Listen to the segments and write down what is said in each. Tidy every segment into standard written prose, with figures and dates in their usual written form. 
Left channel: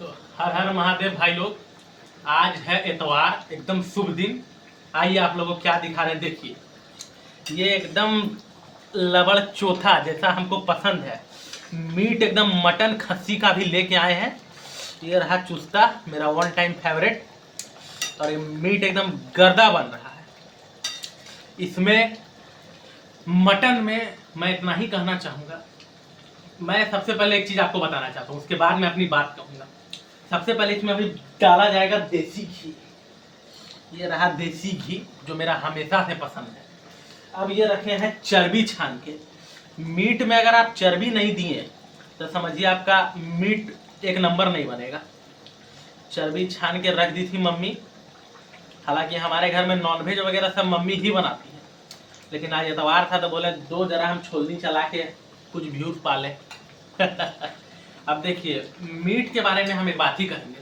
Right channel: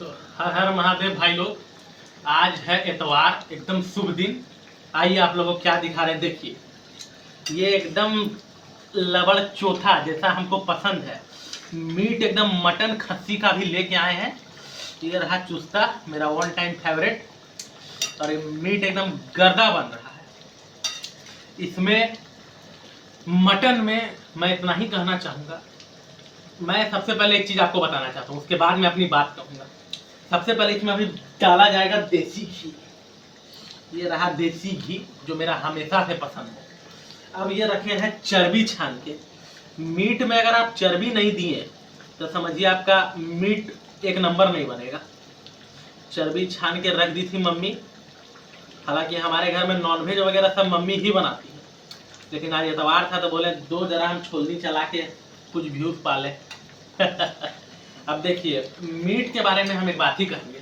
तो हर हर महादेव भाई लोग, आज है इतवार, एकदम शुभ दिन। आइए आप लोगों को क्या दिखा रहे हैं, देखिए। ये एकदम लबड़ चोथा जैसा हमको पसंद है। मीट एकदम मटन खस्सी का भी लेके आए हैं। ये रहा चुस्ता, मेरा वन टाइम फेवरेट। और ये मीट एकदम गर्दा बन रहा है। इसमें मटन में मैं इतना ही कहना चाहूँगा। मैं सबसे पहले एक चीज़ आपको बताना चाहता हूँ, उसके बाद मैं अपनी बात कहूँगा। सबसे पहले इसमें अभी डाला जाएगा देसी घी। ये रहा देसी घी जो मेरा हमेशा से पसंद है। अब ये रखे हैं चर्बी छान के। मीट में अगर आप चर्बी नहीं दिए तो समझिए आपका मीट एक नंबर नहीं बनेगा। चर्बी छान के रख दी थी मम्मी। हालांकि हमारे घर में नॉनवेज वगैरह सब मम्मी ही बनाती है, लेकिन आज इतवार था तो बोले दो जरा हम छोलनी चला के कुछ व्यूज पाले। अब देखिए, मीट के बारे में हम एक बात ही कहेंगे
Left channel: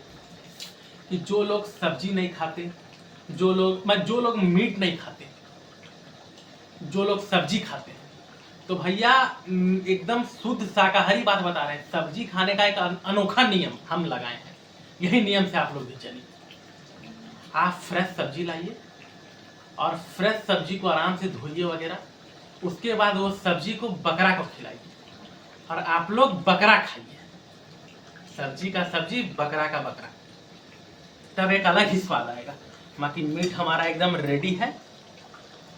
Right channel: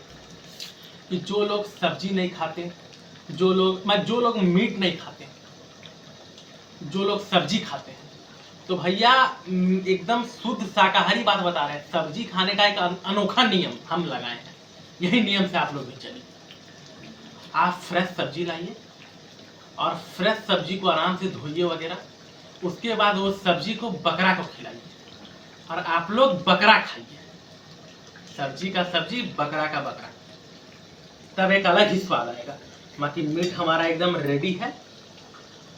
कि जो लोग सब्जी नहीं खाते, जो लोग मीट नहीं खाते, जो लोग सब्जी खाते हैं, तो भैया एकदम शुद्ध शाकाहारी बात बता रहे हैं। सब्जी खाने का एक अनोखा नियम हम लगाए हैं। यही नियम से आप लोग भी चलिए। आप फ्रेश सब्जी लाइए और फ्रेश सब्जी को आराम से धोइए वगैरह। उसके बाद वो सब्जी को बकरा को खिलाइए और आप लोग बकरा खाइए। सब्जी का सब्जी, बकरा का बकरा, तब एक अलग ही स्वाद आएगा। बाकी मीट हमारा एकदम रेडी है।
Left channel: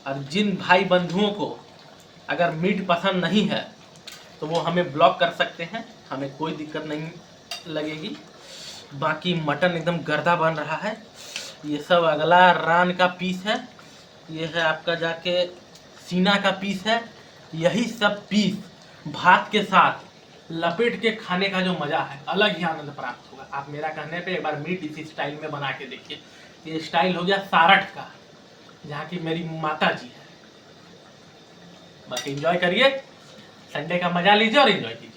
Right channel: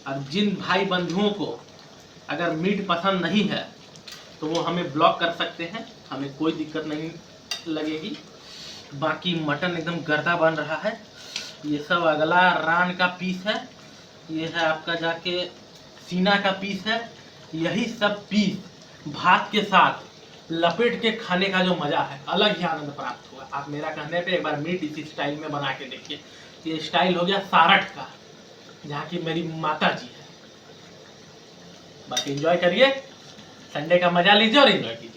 और जिन भाई बंधुओं को अगर मीट पसंद नहीं है तो वो हमें ब्लॉक कर सकते हैं, हमें कोई दिक्कत नहीं लगेगी। बाकी मटन एकदम गर्दा बन रहा है। ये सब अगला रान का पीस है। ये है आपका जाके सीना का पीस है। यही सब पीस भात के साथ लपेट के खाने का जो मज़ा है, अलग ही आनंद प्राप्त होगा। आप मेरा कहने पे एक बार मीट इसी स्टाइल में बना के देखिए। ये स्टाइल हो गया सारठ का, जहाँ की मेरी माता जी है। बाकी एंजॉय करिए, संडे का मजा लीजिए और एंजॉय कीजिए।